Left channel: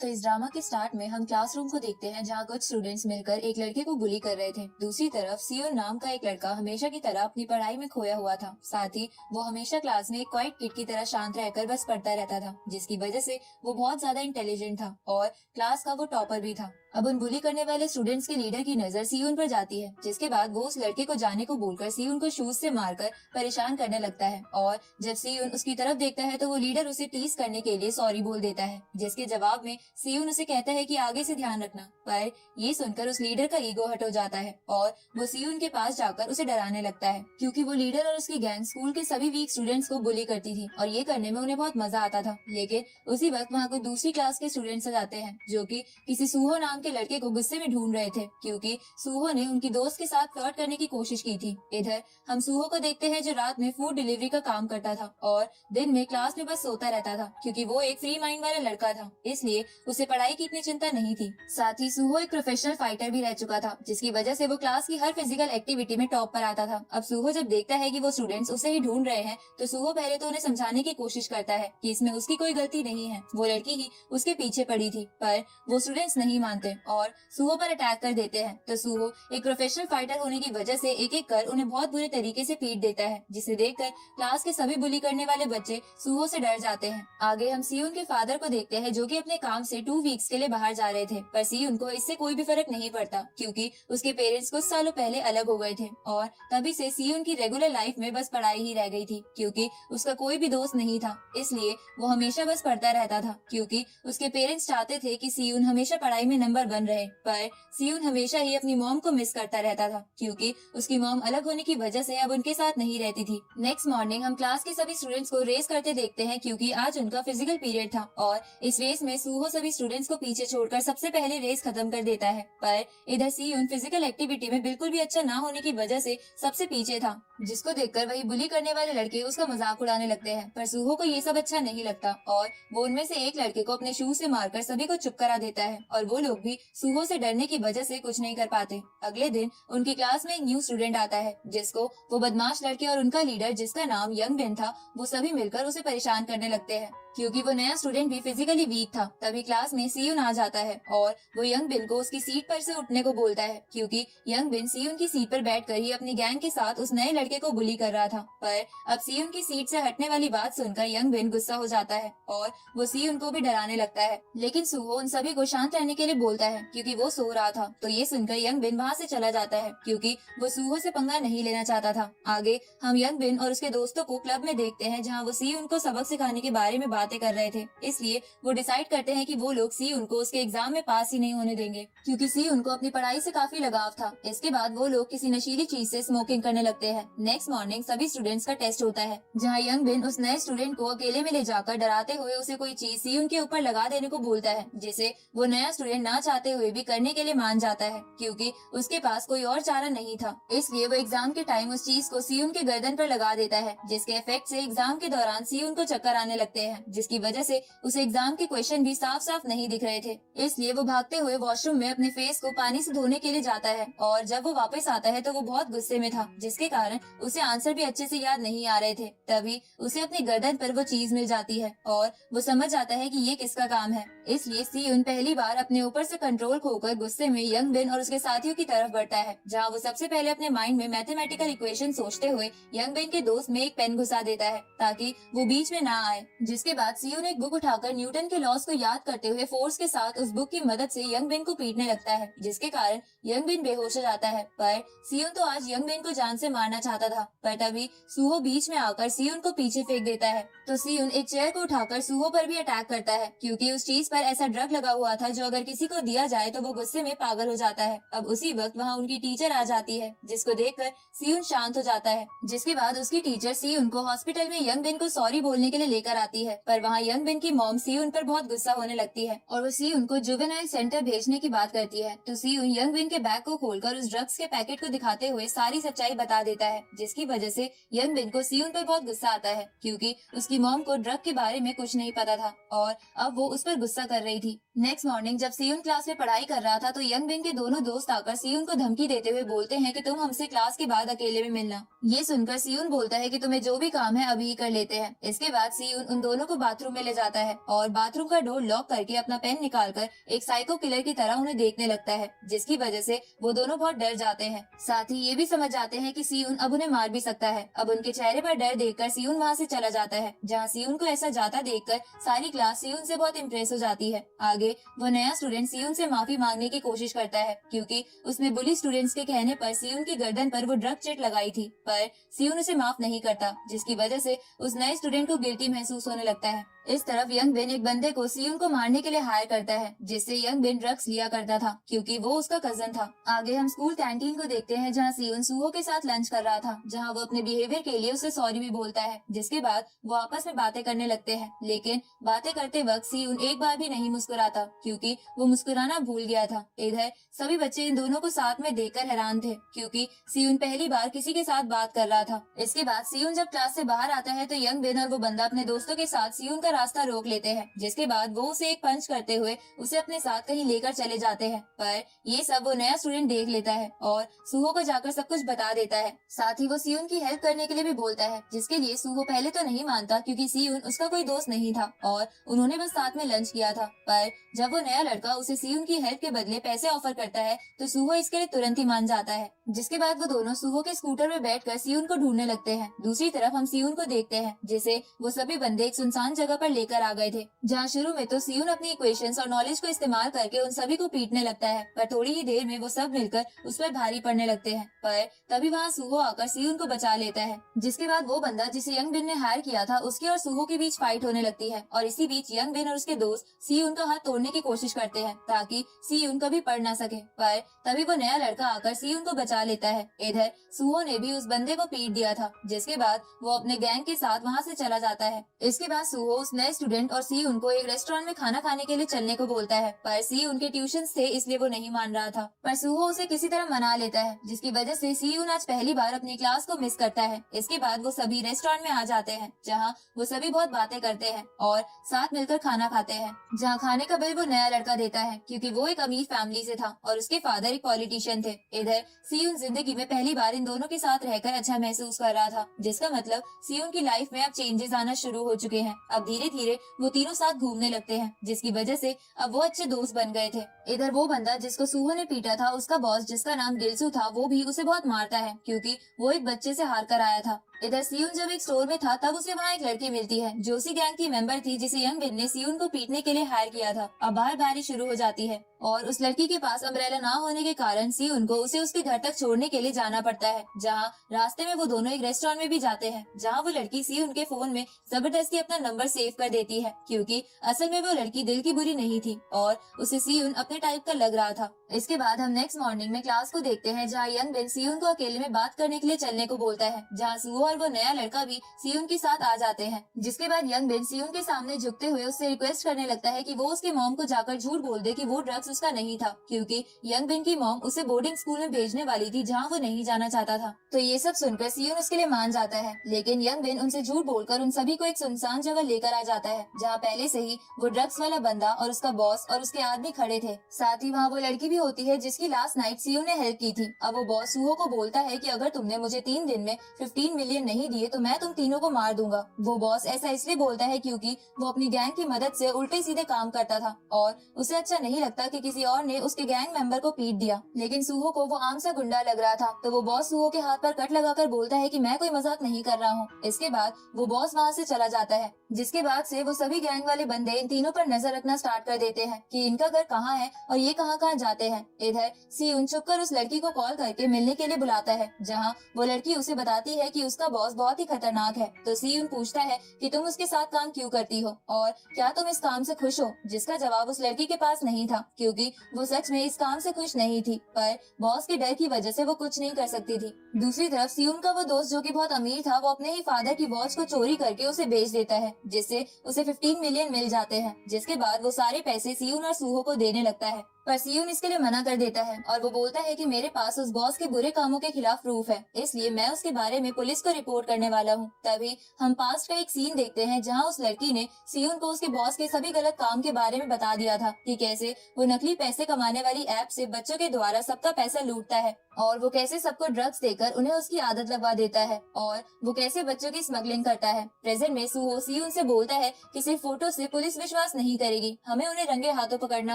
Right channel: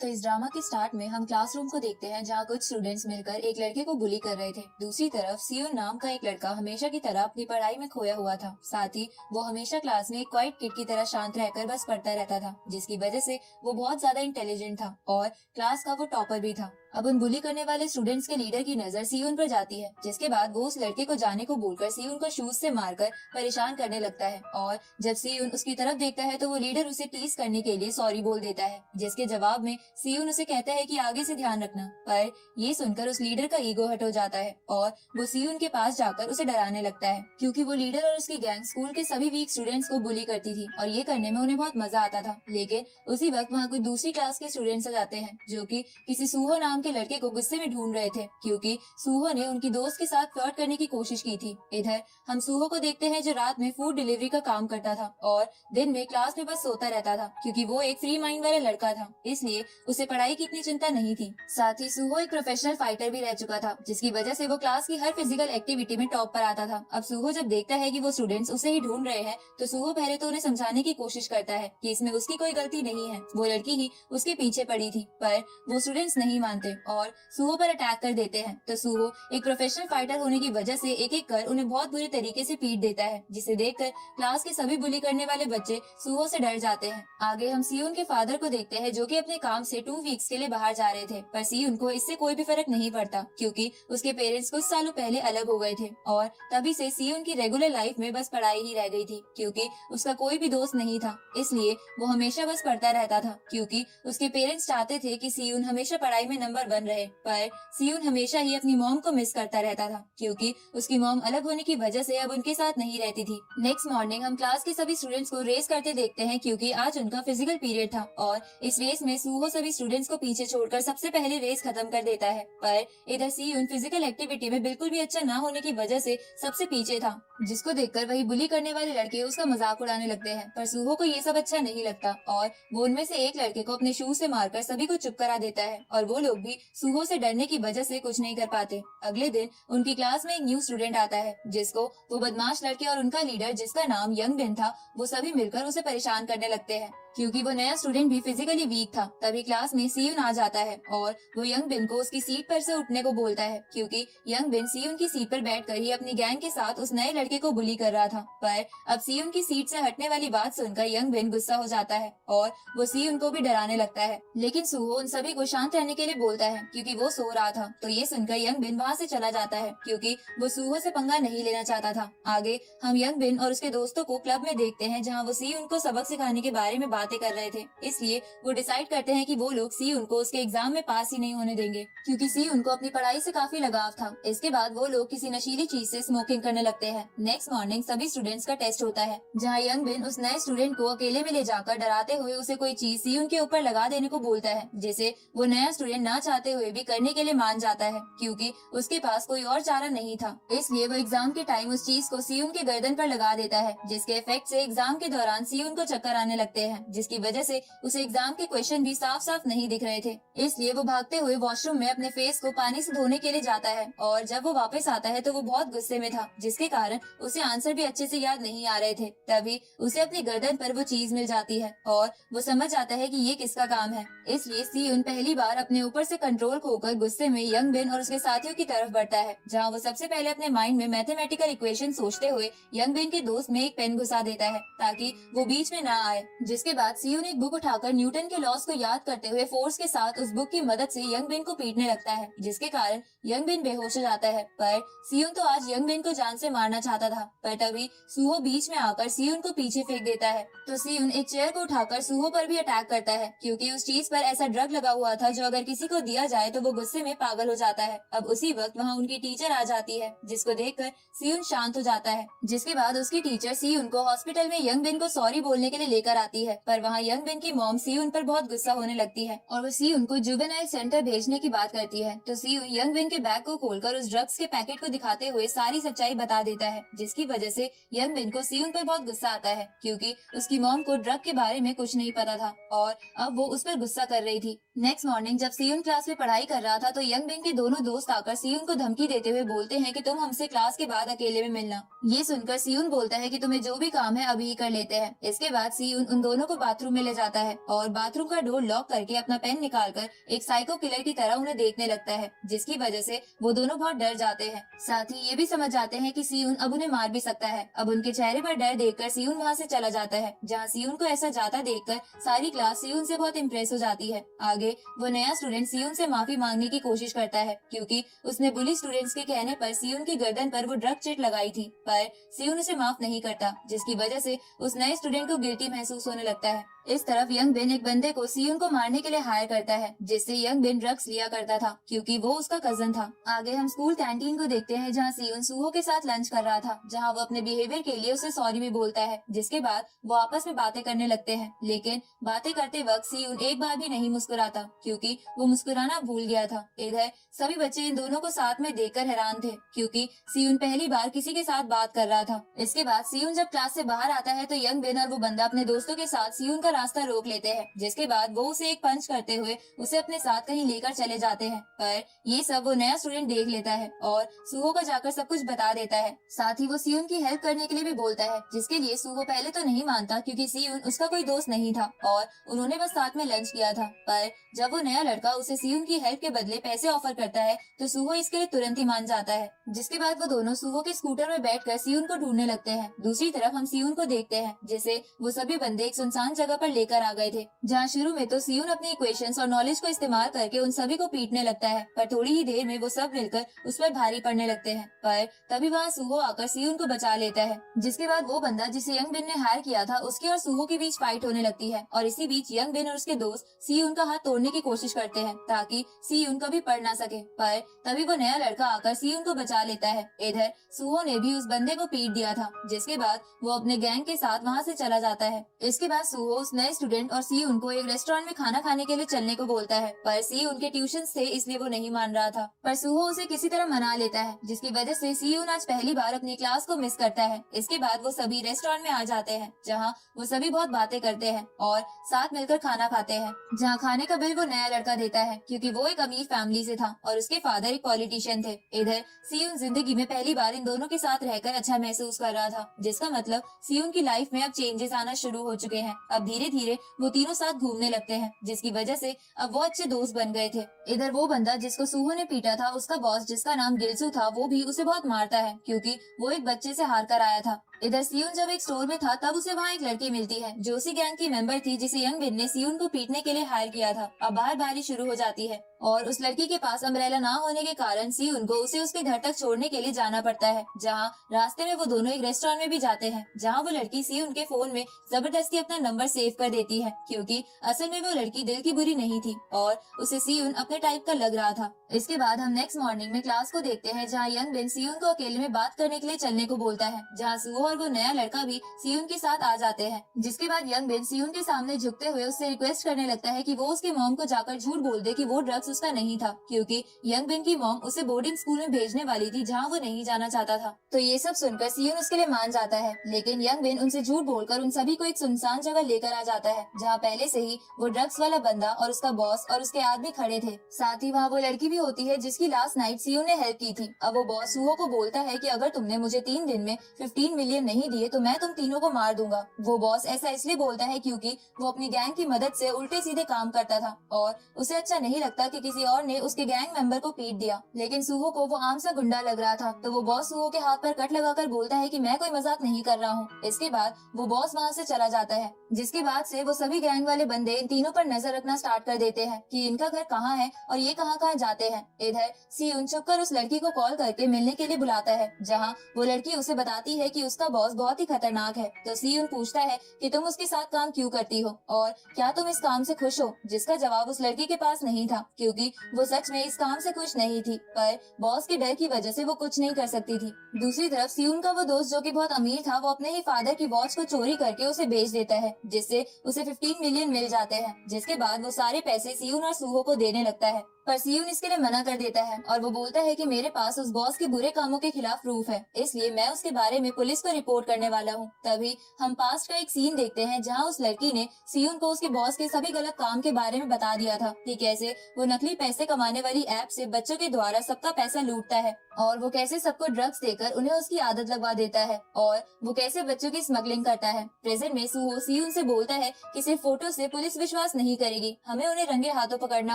तो इस ड्रामा के स्टार्ट में हम क्लासरूम को देखते हैं जहाँ कुछ स्टूडेंट्स मिलकर एक लड़के को बुली कर रहे थे। दूसरी तरफ सियोन नाम का एक लड़का हमेशा की तरह अपनी पढ़ाई में खोया हुआ था। साथ ही वो हमेशा क्लास में एक क्वाइट किड की तरह शांत रहकर बस पढ़ता रहता था, जिसकी वजह से वो बहुत ज्यादा इंटेलिजेंट था और क्लास का वो टॉपर भी था। अब उन बुली करने वाले स्टूडेंट्स के लीडर की नजर सियोन पर जाती है, जिसके बाद वो उस लड़के को जाने को बोलकर सियोन को शूज से मारकर परेशान करने लगता है। और जब सियोन उसकी तरफ देखता है तो वो लीडर उसे टीज करने के लिए सॉरी बोल देता है, जिसके जवाब में सियोन उसे कहता है कि आगे से ध्यान रखना। पर ये सुनकर उस लीडर का ईगो हट हो जाता है और वो सियोन के पास जाकर उसे डराने लगता है, क्योंकि वो लीडर और उसकी गैंग स्कूल के सभी वीक स्टूडेंट्स को बुली करती थी और ये करने में उन्हें बहुत मजा आता था। लेकिन उसी वक्त वहाँ कुछ दूसरी क्लास के स्टूडेंट्स आ जाते हैं जो कि किसी सूहो नाम के लड़के को गुस्से में ढूंढ रहे थे, क्योंकि सूहो ने उनकी दोस्त के साथ फ्लर्ट करने की कोशिश की थी। इधर हम सूहो को देखते हैं जो रात में फूड डिलीवरी का काम करता था और दिन में क्लास में बस सोता रहता था, क्योंकि वो एक फ्री माइंड वाला लड़का था, इसलिए उसे पढ़ाई की इतनी चिंता नहीं थी। साथ ही सूहो एक प्रोफेशनल फाइटर भी रह चुका था, जिसकी वजह से वो क्लास की हर फिजिकल एक्टिविटी में टॉप पर आता था। अब सूहो जब देखता है कि वो स्टूडेंट्स उसे ही ढूंढ रहे हैं तो सूहो पहले तो उन्हें समझाने की कोशिश करता है कि इसमें उसकी कोई गलती नहीं है, वो लड़की ही उसके पीछे पड़ी थी। पर वो स्टूडेंट्स नहीं मानते और सूहो पर अटैक कर देते हैं। तो सूहो एक प्रोफेशनल फाइटर होने की वजह से एक एक कर उन्हें बहुत बुरी तरीके से पीट देता है, जिसे देखकर क्लास के सभी बुली करने वाले बच्चे सूहो से डर जाते हैं। आगे हम सियोन के फादर को देखते हैं जो कि अपने काम से 2 वीक्स के लिए बाहर जा रहे थे, पर सियोन को इससे कोई भी फर्क नहीं पड़ता, क्योंकि उसके पेरेंट्स कुछ सालों पहले अलग हो गए थे और तभी से सियोन की रेगुलर लाइफ में बस पढ़ाई ही रह गई थी, क्योंकि उसका कोई भी दोस्त नहीं था। इसलिए वो हमेशा बस पढ़ता रहता था, क्योंकि उसके पेरेंट्स चाहते थे कि सियोन हमेशा पढ़ाई में नंबर 1 रहे। पर सियोन हमेशा ही अपनी मॉम को मिस करता रहता था, क्योंकि उसकी मॉम अलग होने की वजह से अब उनके साथ नहीं रहती थी। नेक्स्ट मॉर्निंग हम क्लास के सभी स्टूडेंट्स को रेस करते देखते हैं, क्योंकि आज उनका फिजिकल पीरियड था और इस रेस में सूहो सभी स्टूडेंट्स को पीछे छोड़कर सबसे पहले रेस खत्म कर देता है। पर इधर सियोन फिजिकल एक्टिविटी में बिल्कुल भी अच्छा ना होने की वजह से सबसे पीछे था, जिसको देखकर वही बुली करने वाले लड़के उसका मजाक उड़ाने लगते हैं। पर सूहो को ये सब अच्छा नहीं लगता और वो उनमें से एक लड़के को अपने शूज से मारकर सभी को चुप करा देता है और वो लोग भी सूहो से डरने की वजह से कुछ नहीं कर पाते। अगले दिन उनकी क्लास में एक न्यू स्टूडेंट आता है, जिसको वो बदमाश लड़के और उनका लीडर जिसका नाम यंग बिन था, वो सभी मिलकर उसे परेशान करने लगते हैं, क्योंकि वो नया स्टूडेंट भी फिजिकली वीक था। तभी क्लास में सियोन आ जाता है और वो यंग बिन को उसकी सीट पर से उठने को बोलता है, क्योंकि यंग बिन सियोन की सीट पर बैठकर ही अपनी गैंग के साथ उस नए लड़के को बुली कर रहा था। पर अब सियोन की सीट से हटने वाली बात सुनकर यंग बिन गुस्सा हो जाता है और वो सियोन को भी डराने लगता है। लेकिन सूहो उन सभी को शांत रहने के लिए बोलता है, क्योंकि वो सो रहा था। तो ये सुनकर यंग बिन वहाँ से चला जाता है, क्योंकि वो सूहो से पंगा नहीं लेना चाहता था। आगे हम यंग बिन और उसके दोस्तों को क्लब में देखते हैं, जहाँ वो सियोन को सबक सिखाने के बारे में बातें कर रहे थे। इसलिए वो डिसाइड करते हैं कि वो लोग सियोन को उसके एग्जाम में पास ही नहीं होने देंगे, क्योंकि सियोन को अपनी पढ़ाई से काफी लगाव था। इसके बाद वो लोग किसी नशीली चीज से स्मोकिंग करने लगते हैं। नेक्स्ट मॉर्निंग सभी स्टूडेंट्स का टेस्ट होता है, जहाँ यंग बिन उस नए स्टूडेंट को अकेले में ले जाकर डराते हुए उसे कोई चीज सियोन के ऊपर लगा देने को बोलता है, जिसे वो नया स्टूडेंट ना चाहते हुए भी करने के लिए मान जाता है, क्योंकि उसके पास कोई और चारा नहीं था। इसलिए वो एग्जाम के टाइम उस चीज को सियोन के गर्दन पर लगा देता है, जिसके इफेक्ट से एग्जाम के दौरान सियोन को चक्कर आने लगते हैं, जिसकी वजह से उसे एग्जाम के क्वेश्चन भी साफ साफ नहीं दिख रहे थे। इसलिए वो भागते हुए वॉशरूम में अपने फेस को पानी से धोने के लिए जाता है और जब वो वापस आता है तो वो बहुत गुस्से में था, जिसके कारण उसे आंसर भी अच्छे से याद नहीं आ रहे थे। तभी उसे अपनी गर्दन पर वो चीज मिल जाती है और वो समझ जाता है कि ये किसका काम है। इसलिए सियोन पहली बार अपने ऊपर से कंट्रोल खोकर गुस्से में यंग बिन और उसके साथियों की तरफ बढ़ता है, जहाँ वो सबसे पहले अपने माइंड में मैथमेटिकल इक्वेशन सोचते हुए यंग बिन के दोस्त में एक पेन घुसा देता है ताकि वो बीच में ना आए। जिसके बाद सियोन एक बुक उठाकर न्यूटन के लॉस को याद करते हुए फोर्स के साथ उस बुक की मदद से यंग बिन को पीटने लगता है, जिसके कारण यंग बिन बेहोश हो जाता है। पर सियोन तो आज यंग बिन को जान से मारना चाहता था, पर तभी सूहो बीच में आकर सियोन को पीछे फेंक देता है। तो सियोन एक चेयर को उठाकर सूहो पर भी अटैक करता है, क्योंकि उस चीज पर ऐसा ड्रग लगा हुआ था जो अगर किसी को दिया जाए तो वो गुस्से में पागल हो जाता है। अब उसी वक्त वहाँ उनकी टीचर आ जाती है, जिसको देखकर सियोन शांत हो जाता है। जिसके बाद उसकी टीचर सियोन को हॉस्पिटल में यंग बिन को सॉरी बोलने के लिए लेकर आती है, पर वहाँ यंग बिन की मॉम सियोन पर बहुत गुस्सा होने लगती है और वो सियोन को जुवेनाइल सेंटर भेजने की बात करती है। तो सियोन यंग बिन के बैग को खोलकर उस ड्रग्स के पैकेट को दिखाते हुए सारी सच्चाई बता देता है, जिसकी वजह से यंग बिन को सियोन पर बहुत गुस्सा आता है, क्योंकि उसकी मॉम को ड्रग के बारे में कुछ नहीं पता था और अब वो उस पर गुस्सा कर रही थी। नेक्स्ट मॉर्निंग जब सियोन क्लास में पढ़ाई कर रहा था तो यंग बिन के दोनों दोस्त आकर सियोन को धमकी देते हुए बोलते हैं कि तुम हमसे क्लास के बाद अकेले में मिलना। ये सुनकर सियोन बोलता है कि तुम्हें जो भी काम है अभी ही कर लेते हैं। इसके बाद सियोन उन दोनों को को बाथरूम में ले जाता है और बाथरूम का डोर लॉक करके अपना पेन निकालकर एक साइको किलर की तरह उन्हें देखने लगता है, जिसकी वजह से वो दोनों बहुत डर जाते हैं। साथ ही ये भी समझ जाते हैं कि सियुन अब उन्हें मार भी सकता है। अब उनके चेहरे पर डर देखकर सियुन वहाँ से चला जाता है, जहाँ सियुन को ऐसा जाता देखकर सारी क्लास सियुन से बहुत इम्प्रेस हो जाती है। आगे वो नया स्टूडेंट सियुन से माफी मांगने की कोशिश करता है, क्योंकि उसने बुली स्टूडेंट्स के कहने पर सियुन की गर्दन पर वो ड्रग चिट लगाई थी, पर सियुन उसे माफ नहीं करता, जिसकी वजह से उस नए स्टूडेंट को गिल्टी महसूस होने लगता है। इस तरफ यंग बिन एक बंदे को सियुन को मारने के लिए हायर करता है, जिससे यंग बिन ड्रग्स लिया करता था, क्योंकि वो उसका कजन था। आगे हम स्कूल कैंटीन को देखते हैं, जहाँ सियुन सूहो के साथ लंच कर रहा था, जहाँ वो अपने बिहेवियर के लिए उसे सॉरी भी बोलता है, जिसके बाद वो आपस में बातें करने लगते हैं। लेकिन बातें करते वक्त सियुन एक बार भी नहीं मुस्कुराता, क्योंकि वो मुस्कुराना भूल गया था। इधर सभी बच्चे इन दोनों को साथ में देखकर हैरान थे, क्योंकि सियुन पहली बार किसी के साथ बात कर रहा था। इसके बाद सियुन जब क्लास से बाहर आता है तो यंग बिन और वो बंदा अपने दोस्तों के साथ सियुन का रास्ता रोक लेते हैं, जिसके बाद वो उसे एक पंच करते हुए उसे अपने साथ कहीं लेकर चले जाते हैं। पर ये सब वो नया स्टूडेंट देख लेता है और सूहो को जाकर सब कुछ बता देता है। साथ ही वो सियुन की हेल्प करने के लिए भी बोलता है, जिसके लिए सूहो पहले तो नहीं मानता, क्योंकि सियुन उसका कोई दोस्त नहीं था और उन्होंने बस साथ में लंच किया था। पर जब वो नया लड़का उसे सियुन की हेल्प के बदले पैसे ऑफर करता है तो सूहो इसके लिए तुरंत ही मान जाता है, जिसके बाद वो दोनों सूहो के स्कूटर में बैठकर सियुन को ढूंढने लगते हैं। दूसरी तरफ हम सियुन को देखते हैं, जिसे वो सभी बंदे एक सुनसान जगह पर लेकर आ गए थे, जहाँ शुरू में तो सियुन अपनी इक्वेशंस और नॉलेज को इस्तेमाल करके उन सभी को पीटने लगता है, पर थोड़ी ही देर में वो सब मिलकर उस पर भारी पड़ने लगते हैं। पर तभी वहाँ सूहो आकर सियुन को बचा लेता है, जिसके बाद वो बंदा जिसे यंग बिन ने हायर किया था उसकी और सूहो के बीच फाइट होने लगती है, और इसी बीच यंग बिन और उसके दोस्त सियुन का हाथ तोड़ने की कोशिश करते हैं ताकि सियुन कभी पढ़ ना सके। पर तभी वो नया लड़का आकर सियुन को बचा लेता है। इधर सूहो ने भी उस बंदे को पीट दिया था, जिसके बाद वो अपने गैंग के साथ वहाँ से चला जाता है। इसके बाद सूहो उस नए स्टूडेंट और सियुन को एक रेस्टोरेंट में खाना खाने के लिए चलने को बोलता है, पर सियुन के ट्यूशन थे इसलिए वो नहीं मान रहा था, पर सूहो उसे किसी तरह मना लेता है, जिसकी वजह से सियुन आज पहली बार अपनी क्लास को मिस करता है। इसके बाद वो सभी रेस्टोरेंट में आ जाते हैं, जहाँ वो सभी बहुत बातें करते हैं और साथ मिलकर खाना खाते हैं, जहाँ खाने का बिल वो नया लड़का देता है, क्योंकि वो एक अमीर फैमिली से था और उसके फादर एक पॉलिटिशियन थे। इधर सियुन जिंदगी में पहली बार इन दोनों के साथ रहकर अच्छा महसूस कर रहा था, जिसका मतलब सियुन की लाइफ में अब चेंजेस आना शुरू हो चुके हैं। अब धीरे धीरे वो तीनों साथ घूमने लगते हैं, जिसकी वजह से अब वो अच्छे दोस्त बन गए थे। इधर वो बंदा जिसको सूहो ने पीटा था, उसका बॉस जिसका नाम गिल्सू था, वो भी उसे बहुत मारता है, क्योंकि वो एक बच्चे से हार कर आया था। इधर सियुन जब एक स्टोर में था तब उसे वहाँ एक लड़की मिलती है जो उसी गैंग की मेंबर थी, जिसे यंग बिन ने सियुन को पीटने के लिए हायर किया था। अब बाहर बारिश शुरू हो जाती है और उस लड़की के पास अम्ब्रेला ना होने के कारण सियुन को उसे उसके घर तक छोड़ने के लिए जाना पड़ता है, जहाँ रास्ते में वो दोनों एक रेस्टोरेंट में भी जाते हैं, जहाँ वो लड़की सियुन के फोन में जबरदस्ती अपना नंबर सेव कर देती है, क्योंकि असल में वो लड़की दिल की बुरी नहीं थी और उसे सियुन अपने टाइप का लग रहा था। इसके बाद हम नेक्स्ट मॉर्निंग में क्लास को देखते हैं, जहाँ यंग बिन सियुन को अकेले में बात करने के लिए चलने को बोलता है, जहाँ सूहो और वो नया लड़का भी सियुन के साथ आ जाते हैं। जिसके बाद यंग बिन सियुन के सामने झुकते हुए उससे रिक्वेस्ट करने लगता है कि वो उसके मॉम को जाकर झूठ बोल दे कि वो ड्रग्स उसका नहीं था, क्योंकि यंग बिन की मॉम उसे बोर्डिंग स्कूल में भेजने वाली थी जहाँ वो नहीं जाना चाहता था। तो ये सब सुनकर सियुन उसके लिए मान जाता है, लेकिन यंग बिन उनसे झूठ बोलकर उन सभी को एक सुनसान जगह लेकर आ जाता है, जहाँ पहले से ही वो ड्रग्स वाला बंदा और उसका बॉस और उसके आदमी खड़े थे। साथ ही वहाँ वो लड़की भी होती है जिसकी लास्ट नाइट सियुन ने हेल्प की थी। अब वो बॉस सूहो को बोलता है कि अगर तुमने मुझे 3 दिन में 15 मिलियन नहीं दिए तो मैं तुम तीनों को मार दूंगा। वो बॉस ऐसा इसलिए बोलता है क्योंकि वो अपनी गैंग की मदद से उल्टे सीधे काम करता था और उसे अच्छा नहीं लगता कि किसी और ने उसके गैंग मेंबर को पीट दिया। लेकिन सूहो को वो आम सा गुंडा लग रहा था, तो वो बॉस सूहो के हाथ पर कट लगाकर बोलता है कि मैं कोई मजाक नहीं कर रहा हूँ। इसके बाद वो बॉस वहाँ से चला जाता है, जिसके बाद से वो सभी गैंग वाले बंदे इन तीनों पर नजर रखना स्टार्ट कर देते हैं कि इनका घर कहाँ है और ये कहाँ कहाँ जाते हैं। इधर सियुन छुपकर उस लड़की को कॉल करके मिलने के लिए बुलाता है, जहाँ वो लड़की उसे बताती है कि उसका बॉस बहुत ही खतरनाक है। तो सियुन पूछता है कि तुम उसके साथ काम क्यों करती हो और क्या तुम इस काम से खुश हो, जिसका जवाब उस लड़की के पास नहीं था, क्योंकि वो सच में इस काम से खुश नहीं थी, पर बॉस के डर की वजह से वो कुछ नहीं कर सकती थी। दूसरी तरफ सियुन का वो दोस्त जो कि बहुत अमीर था, वो अपने ही फादर की वॉच को चोरी करके उसे बेच देता है, जिससे उसे 15 मिलियन मिल जाते हैं। जिसके बाद वो सारे पैसे सियुन और सूहो को देने लगता है, पर सियुन इसके लिए मना कर देता है और वो बोलता है कि मेरे पास उस बॉस के बुरे कामों के खिलाफ प्रूफ है, इसलिए मैं उसके बारे में पुलिस को रिपोर्ट करने वाला हूँ। तभी हम पास्ट का एक सीन देखते हैं जहाँ उस लड़की ने सियोन को उसके बॉस के सभी गलत काम के बारे में बता दिया था कि कैसे वो नकली पैसे कमाने वाली ऐप से बच्चों के द्वारा सबका पैसा लूटता है और वो कैसे सबको ड्रग्स देकर उन्हें उसकी आदत लगवा देता है और वो कैसे बच्चों की स्मगलिंग करता है। प्रेजेंट में सुहो सियोन से बोलता है कि सिर्फ फोटो से पुलिस विश्वास नहीं करेगी, हमें उन्हें रंगे हाथों पकड़ना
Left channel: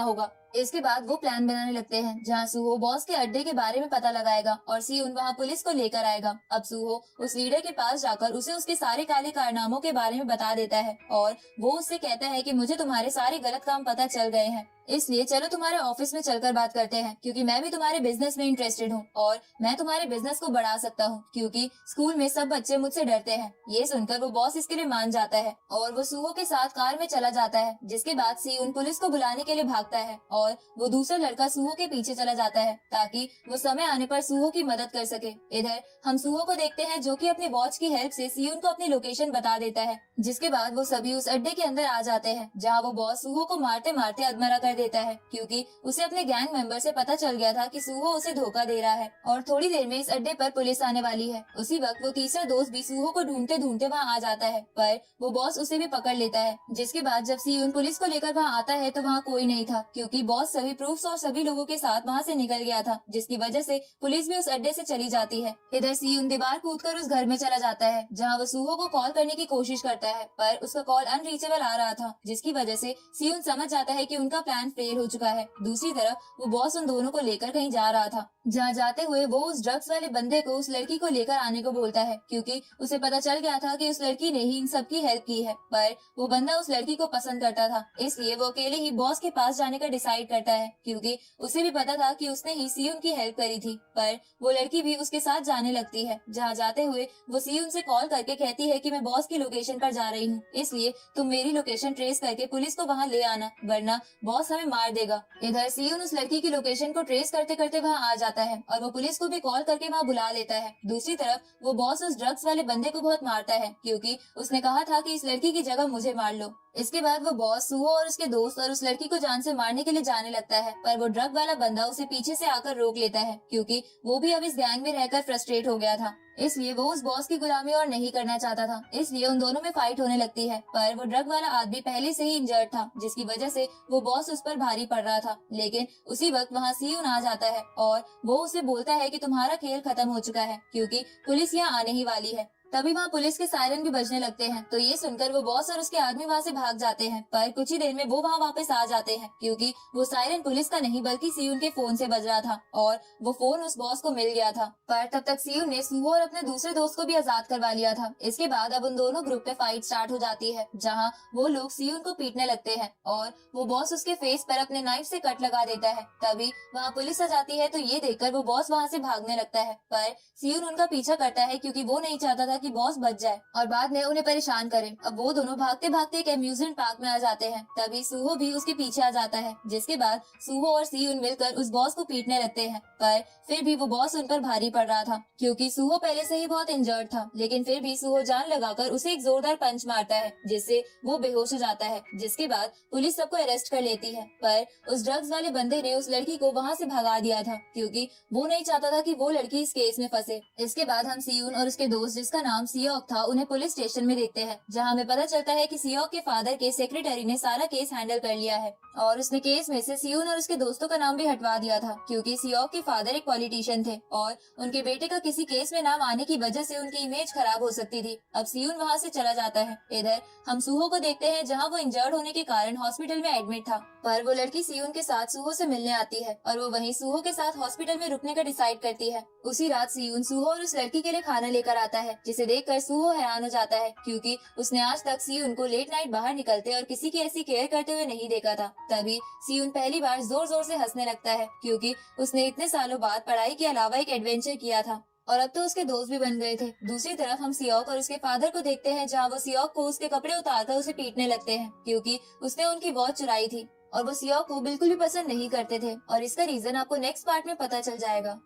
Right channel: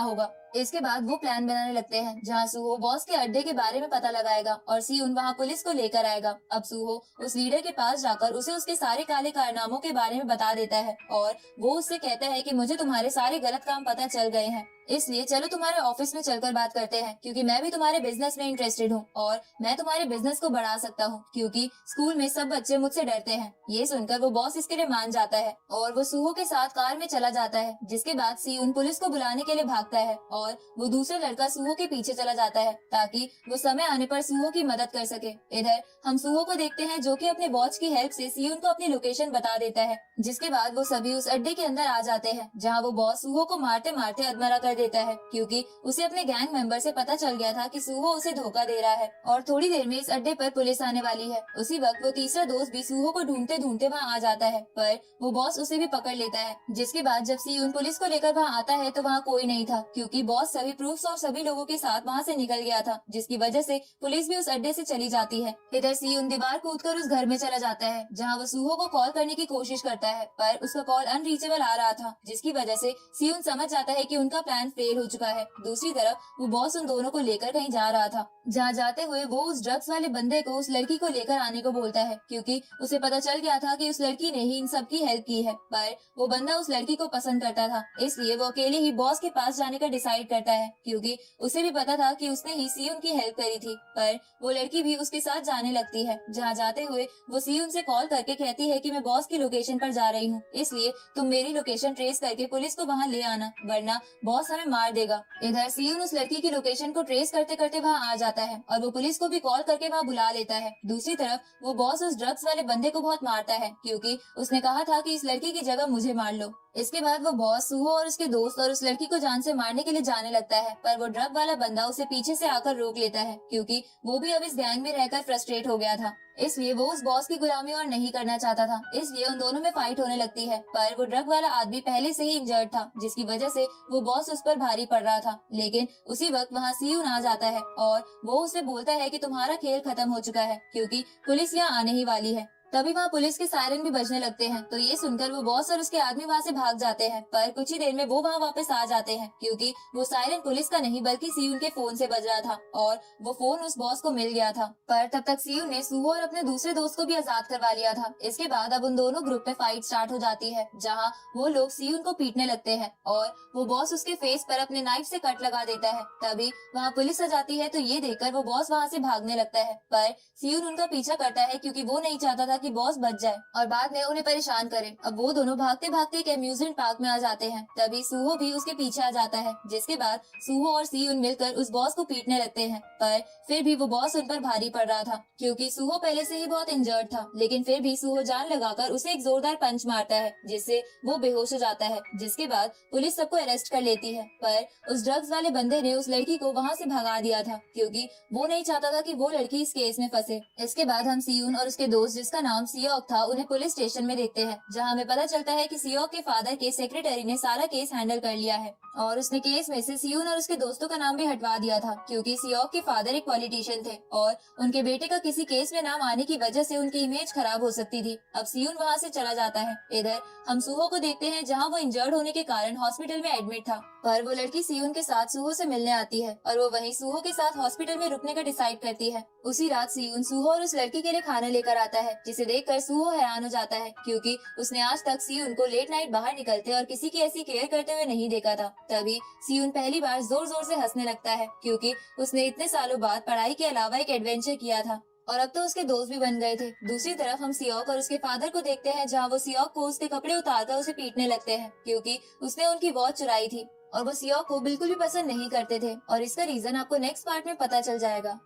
होगा। इसके बाद वो प्लान बनाने लगते हैं जहाँ सुहो बॉस के अड्डे के बारे में पता लगाएगा और सियोन वहाँ पुलिस को लेकर आएगा। अब सुहो उस लीडर के पास जाकर उसे उसके सारे काले कारनामों के बारे में बता देता है और वो उससे कहता है कि मुझे तुम्हारे सारे गलत काम पता चल गए हैं, इसलिए चलो तुम्हारे ऑफिस में चलकर बात करते हैं क्योंकि मैं भी तुम्हारे बिजनेस में इंटरेस्टेड हूँ और मैं तुम्हारे बिजनेस को बढ़ा सकता हूँ क्योंकि स्कूल में सब बच्चे मुझसे डरते हैं। ये सुनकर वो बॉस इसके लिए मान जाता है और वो सुहो के साथ कार में चला जाता है, जिसके बाद सियोन पुलिस को बुलाने के लिए भागता है और वो दूसरा लड़का सुहो के पीछे चला जाता है ताकि वो समय आने पर सुहो की मदद कर सके। इधर हम सुहो को देखते हैं जो कि अपने वॉच की हेल्प से सियोन को अपनी लोकेशन बता देता है, जिसके बाद वो सभी उस अड्डे के अंदर आ जाते हैं जहाँ वो बॉस सुहो को मारते मारते अधमरा कर देता है क्योंकि उसे अपने गैंग मेंबर से पता चल गया था कि सुहो उसे धोखा दे रहा है और थोड़ी देर में इस अड्डे पर पुलिस आने वाली है। उसी वक्त वो तीसरा दोस्त भी सुहो को ढूंढते ढूंढते वहाँ आ जाता है पर वो बॉस उसे भी पकड़ लेता है, जिसके बाद जब सियोन पुलिस को लेकर वहाँ आता है तो वहाँ कोई नहीं था क्योंकि बॉस सभी प्रूफ्स और सभी लोगों के साथ वहाँ से निकल गया था, जिसकी वजह से पुलिस भी उस अड्डे से चली जाती है। इधर सियोन दीवार कूदकर उस घर में चला जाता है जहाँ वो सुहो को कॉल करने की कोशिश करता है पर उसका कॉल अनरीचेबल आ रहा था, जिसकी वजह से सियोन समझ जाता है कि उनका प्लान फेल हो चुका है। दूसरी तरफ वो बॉस उन दोनों को लेकर कहीं जा रहा था, जहाँ जाते हुए वो उस ड्रग्स वाले बंदे को उस लड़की को लेकर आने को बोलता है क्योंकि उसे पता चल गया था कि उस लड़की ने ही इन सब की हेल्प की है, पर वो बंदा उस लड़की को पसंद करता था, इसलिए वो अकेले ही बॉस के पास जाने का डिसाइड करता है क्योंकि उसे भी पता था कि उसने ही सियोन की हेल्प करी थी। पर वो लड़की भी उसके साथ जाने लगती है, जहाँ जाते हुए वो सियोन से कॉल करके कहती है कि मैं बॉस की लोकेशन पर जा रही हूँ, इसलिए तुम मेरी लोकेशन ट्रेस करके पुलिस को वहाँ ले आना वरना बॉस हमें मार देगा। इधर सियोन उस लड़की की लोकेशन को ट्रेस करते करते वहाँ आ जाता है और वो पुलिस को भी कॉल करके वहाँ बुला लेता है। दूसरी तरफ वो बॉस उस ड्रग्स वाले बंदे को बहुत मारता है क्योंकि उसने कहा था कि इस लड़की की जगह मुझे मार लो। इसके बाद वो बॉस सुहो और उसके दोस्त और उस लड़की को जान से मारने के लिए जाने लगता है, पर वो ड्रग वाला बंदा उसे पीछे से आकर रोक लेता है क्योंकि वो भी अब इस गैंग में रहकर फ्रस्ट्रेट हो गया था, इसलिए वो उस बॉस की गुलामी और नहीं करना चाहता था, इसलिए उन दोनों में फाइट होने लगती है। पर वो ड्रग वाला आदमी पहले से ही इंजर्ड था, जिसकी वजह से वो बॉस उस पर भारी पड़ रहा था। लेकिन उसी वक्त वहाँ सियोन आ जाता है और वो उसे बोलता है कि तुम्हारा खेल खत्म हो चुका है क्योंकि पुलिस यहाँ आने ही वाली है। तभी वहाँ पुलिस के सायरन भी बजने लगते हैं, तो ये सुनकर वो बॉस और उसके आदमी वहाँ से भाग जाते हैं, पर कुछ ही देर में वो वहाँ वापस आ जाते हैं क्योंकि वो सायरन पुलिस का नहीं बल्कि सियोन के फोन से बज रहा था और वो फोन उस बॉस को मिल गया था। पर तब तक सियोन ने सुहो और अपने दूसरे दोस्त को भी आजाद करवा लिया था। इसके बाद अब उन दोनों ग्रुप में फाइट स्टार्ट हो जाती है, जहाँ वो लोग सियोन को पीटने लगते हैं और वो बॉस उसके फेस पर अपने नाइफ से कट लगा देता है। तभी वहाँ पुलिस आ जाती है, तो ये देखकर वो बॉस वहाँ से भागने लगता है, पर सियोन उनका पीछा करता है क्योंकि वो नहीं चाहता था कि बॉस बच जाए और बाद में उन्हें परेशान करे। अब वो दोनों भागते भागते एक अम्यूजमेंट पार्क में आ जाते हैं, तभी सुहो भी उसके पीछे आ जाता है, जिसके बाद सुहो और सियोन मिलकर उस बॉस को पीटने लगते हैं। पर फिर भी वो बॉस उन पर भारी पड़ रहा था क्योंकि सुहो पहले से ही बहुत इंजर्ड था, लेकिन फिर भी सुहो जान लगाकर उसे एक जोरदार पंच मारता है जिससे वो बेहोश हो जाता है, जिसके बाद पुलिस सबको अरेस्ट कर लेती है। पर उस ड्रग्स वाले बंदे ने उस लड़की को वहाँ से भगा दिया था क्योंकि वो नहीं चाहता था कि वो लड़की इस केस में फंसे। इसके बाद हम सियोन और उसके दोस्त जिसका नाम सियोक था उन्हें पुलिस स्टेशन में देखते हैं, जहाँ हमें पता चलता है कि सियोक के फादर के सेक्रेटरी ने सारा केस हैंडल कर लिया है और उसने केस में से सियोन और उसके दोस्तों का नाम भी हटवा दिया था क्योंकि सियोक के फादर एक पॉलिटिशियन थे और उनके बेटे का किसी केस में नाम आने की वजह से उनकी इमेज खराब हो सकती थी। अब सियोन वहाँ से चला जाता है। इधर हम सुहो को देखते हैं, जहाँ वो इंजर्ड होने के कारण हॉस्पिटल में एडमिट था, पर वो लड़की सियोन के साथ सुहो से मिलने आती है और वो वहीं सुहो के साथ हॉस्पिटल में रुकने का डिसाइड करती है। उसी रात सियोन सुहो और उस लड़की के लिए खाना लेकर आता है, जिसे देखकर सुहो हैरान हो जाता है क्योंकि उसने आज तक सियोन को लेट नाइट बाहर निकलते और किसी की ऐसी केयर करते हुए नहीं देखा था। तभी सियोन पहली बार जोर जोर से हंसने लगता है क्योंकि उसने इतने सालों बाद पढ़ाई के अलावा एक एडवेंचर किया था और अब तो उसके दोस्त भी बन गए थे। दूसरी तरफ हम सियोक और उसके फादर को देखते हैं, जहाँ वो सियोक को उसके कपड़े उतारकर उसे पीटने लगते हैं क्योंकि उसने उनकी वॉच चुराई थी और वो सियोक को बिल्कुल भी पसंद नहीं करते थे और इसका रीजन आपको नेक्स्ट पार्ट में पता चल जाएगा।